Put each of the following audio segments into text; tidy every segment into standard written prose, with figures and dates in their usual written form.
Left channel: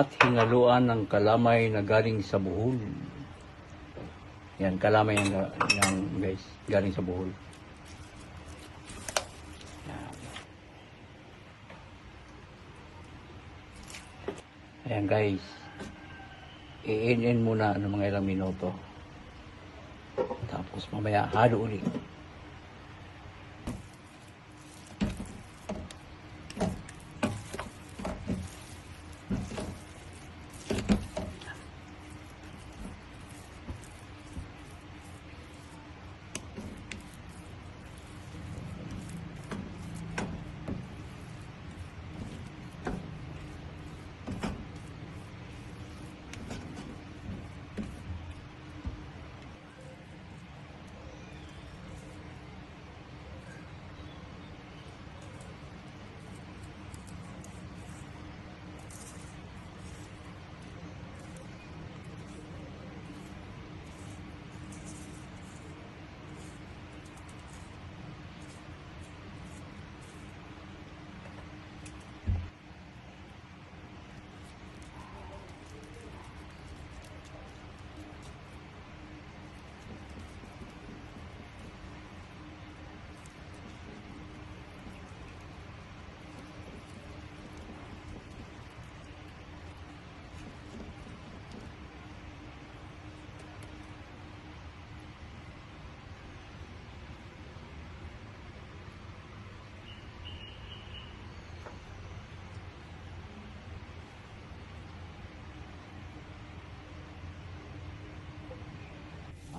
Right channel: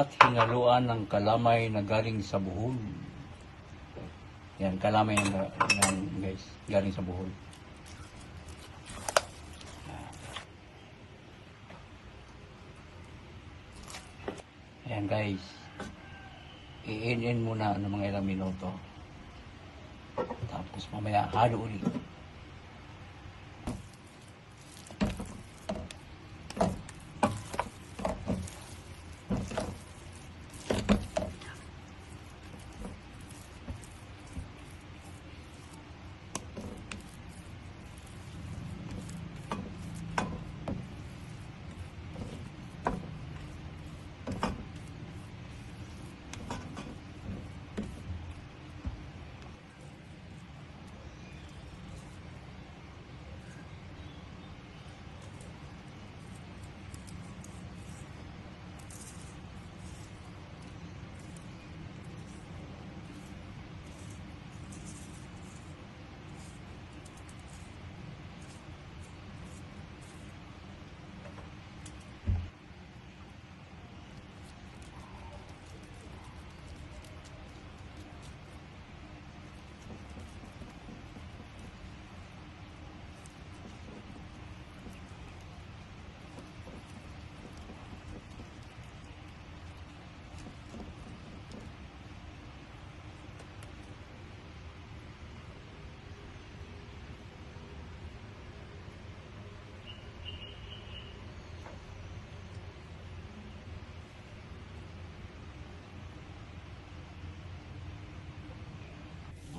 at hinaluan ng kalamay na galing sa buhol. Yan, kalamay yan guys, galing sa buhol. Ayan guys, i-in muna ng mga ilang minuto. Tapos mamaya halo ulit.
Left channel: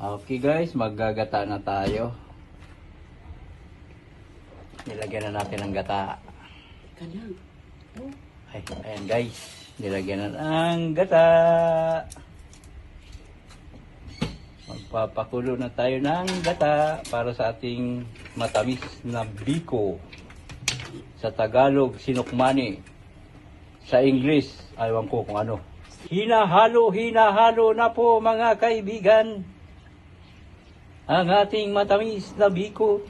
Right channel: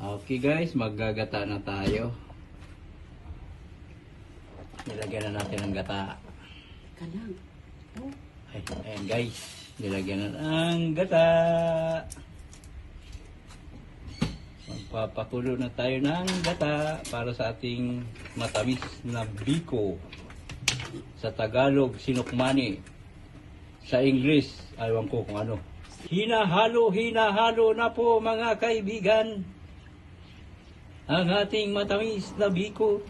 Okay guys, maggagata na tayo. Nilagyan na natin ng gata. Kalang. Oh. Ay, ayan guys, nilagyan na ng gata. Magpapakulo na tayo ng gata para sa ating matamis na biko. Sa Tagalog, sinukmani. Sa English, ayaw ko kung ano. Hinahalo na po mga kaibigan. Ang ating matamis na biko.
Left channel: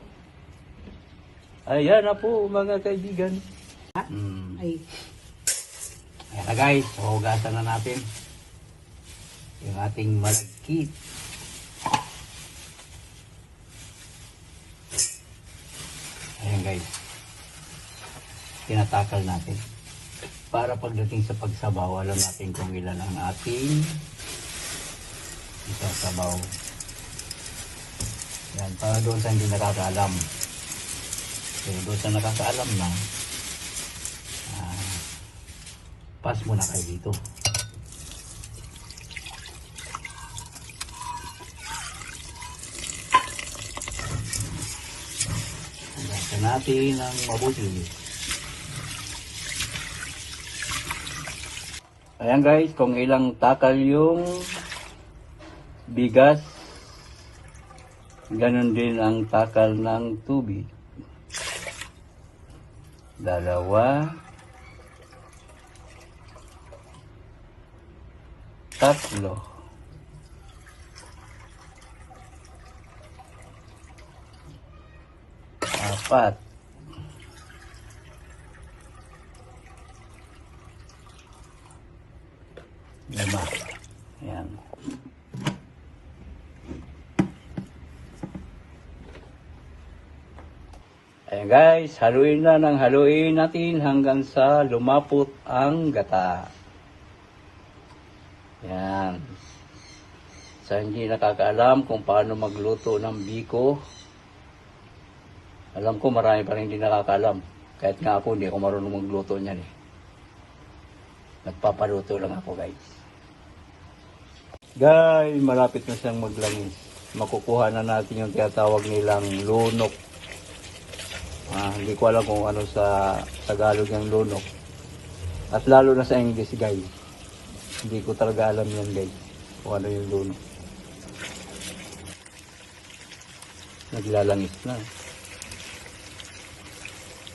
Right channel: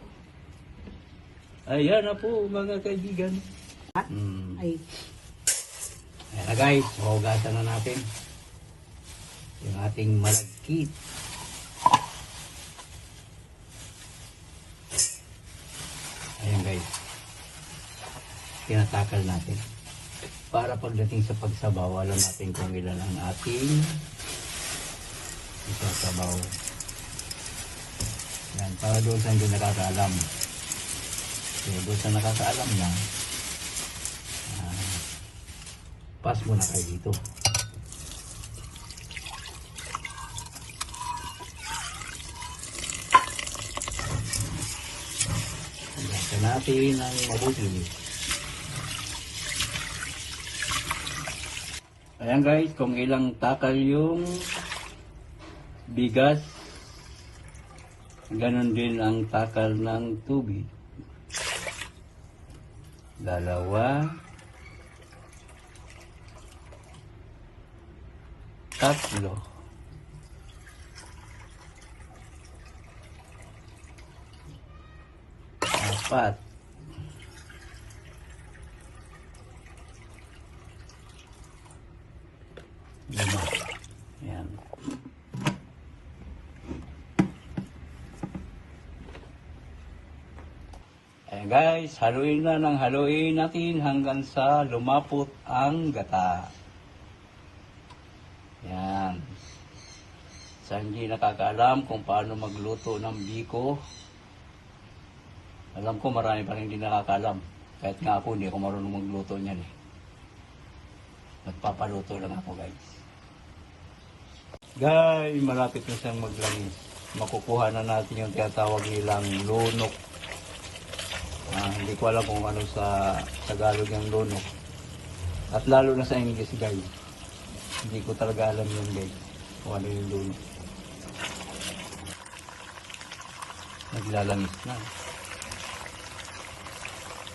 Ayan na po mga kaibigan. Ay. Ayan na guys, hugasan na natin yung ating malagkit. Ayan guys, tinatakal natin para pagdating sa pagsabaw, alam natin kung ilan ang ating isasabaw. Yan, para doon sa hindi nakakaalam. So, doon sa nakakaalam na, pass muna kayo dito. Gasa natin ang mabuti. Ayan guys, kung ilang takal yung bigas, ganon din ang takal ng tubig. 2, 3, 4, 5. Ayan. Ayan guys, haluin na ng haluin natin hanggang sa lumapot ang gata. Ayan. Sa hindi nakakaalam kung paano magluto ng biko, alam ko marami pa rin hindi nakakaalam. Kahit nga ako hindi ako marunong magluto niyan eh. Nagpapaluto lang ako guys. Guys, malapit na siyang maglangis. Makukuha na natin yung tinatawag nilang lunok. Hindi ko alam kung ano sa Tagalog yung lunok. At lalo na sa English guys. Hindi ko talaga alam yun guys. Kung ano yung lunok. Naglalangis na.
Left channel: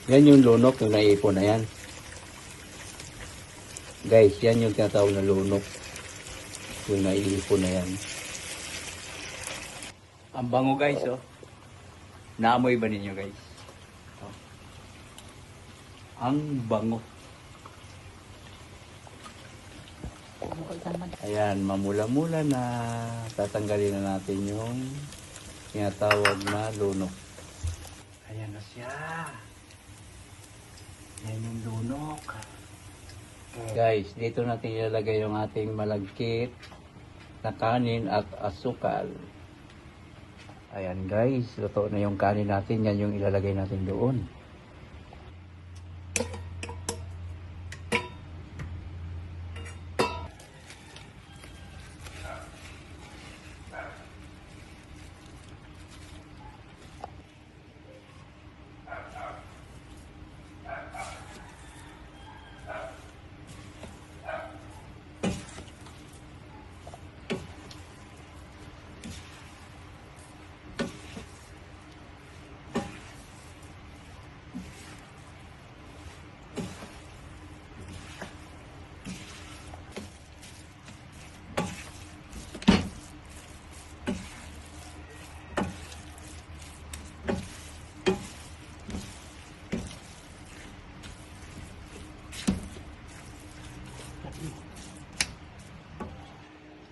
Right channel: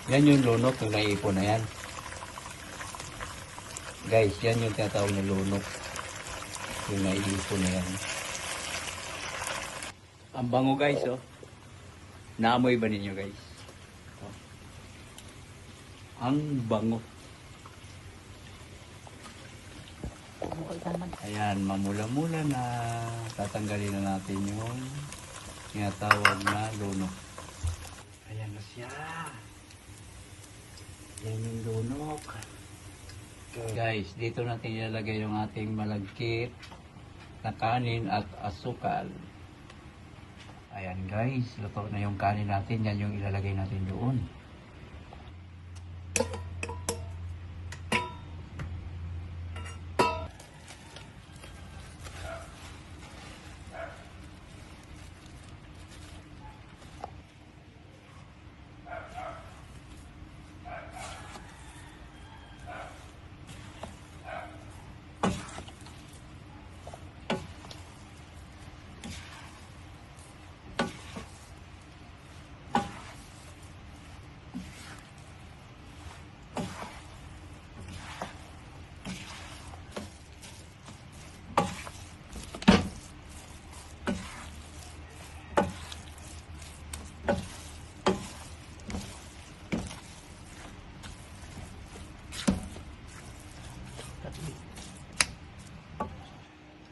Yan yung lunok kung naiipon na yan. Guys, yan yung tinatawag na lunok. Yung naiipon na yan. Ang bango guys oh. Naamoy ba ninyo guys? Ang bango. Mukha ikaman. Ayan, mamula-mula na. Tatanggalin na natin yung tinatawag na lunok. Ayan na siya. Yan yung lunok. Guys, dito natin ilalagay yung ating malagkit na kanin at asukal. Ayan guys, luto na yung kanin natin. Yan yung ilalagay natin doon.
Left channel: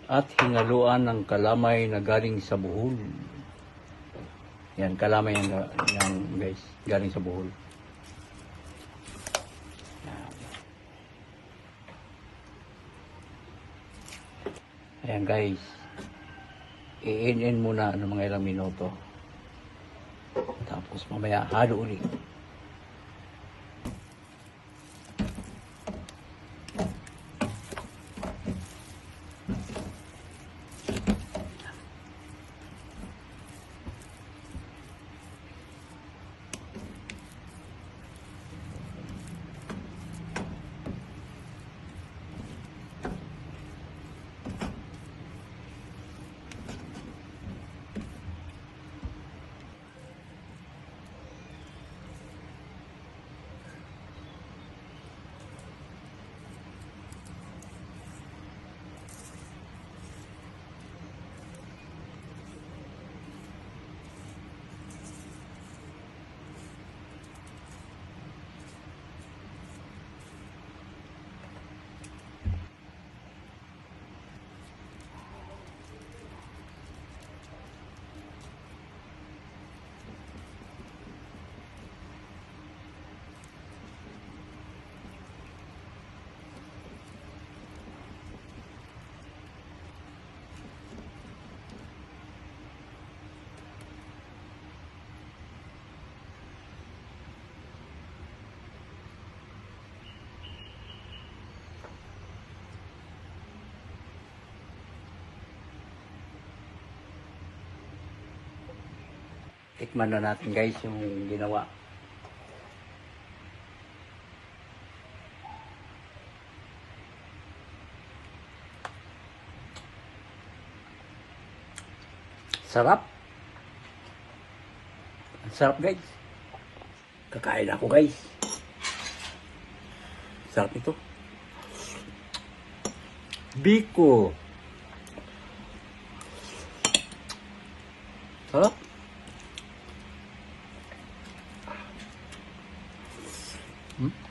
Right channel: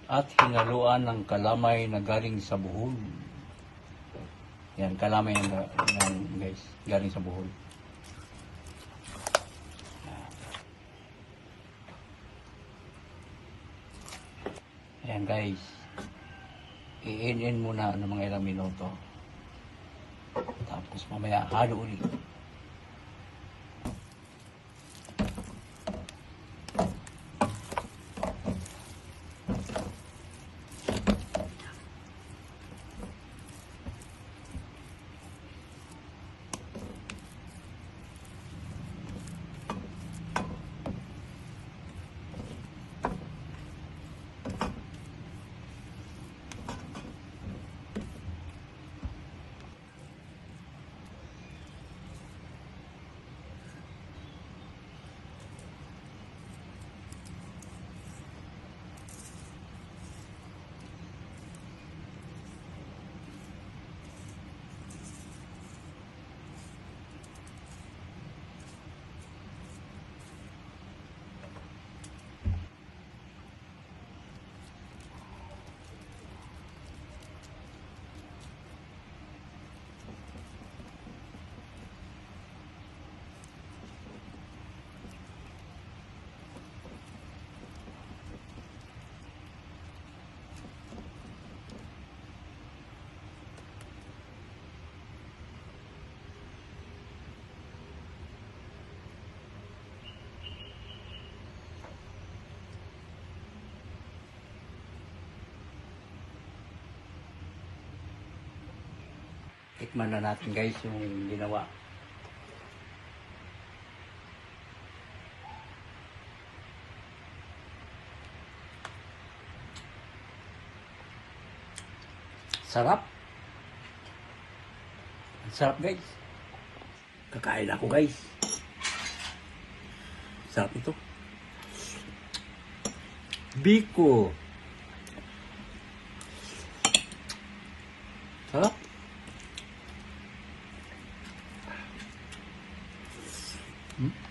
At hinaluan ng kalamay na galing sa buhol. Yan, kalamay yan guys, galing sa buhol. Ayan guys, i-in muna ng mga ilang minuto. Tapos mamaya halo ulit. Tikman na natin guys yung ginawa. Sarap. Ang sarap guys. Kakain ako guys. Sarap ito. Biko. Sarap. Hmm?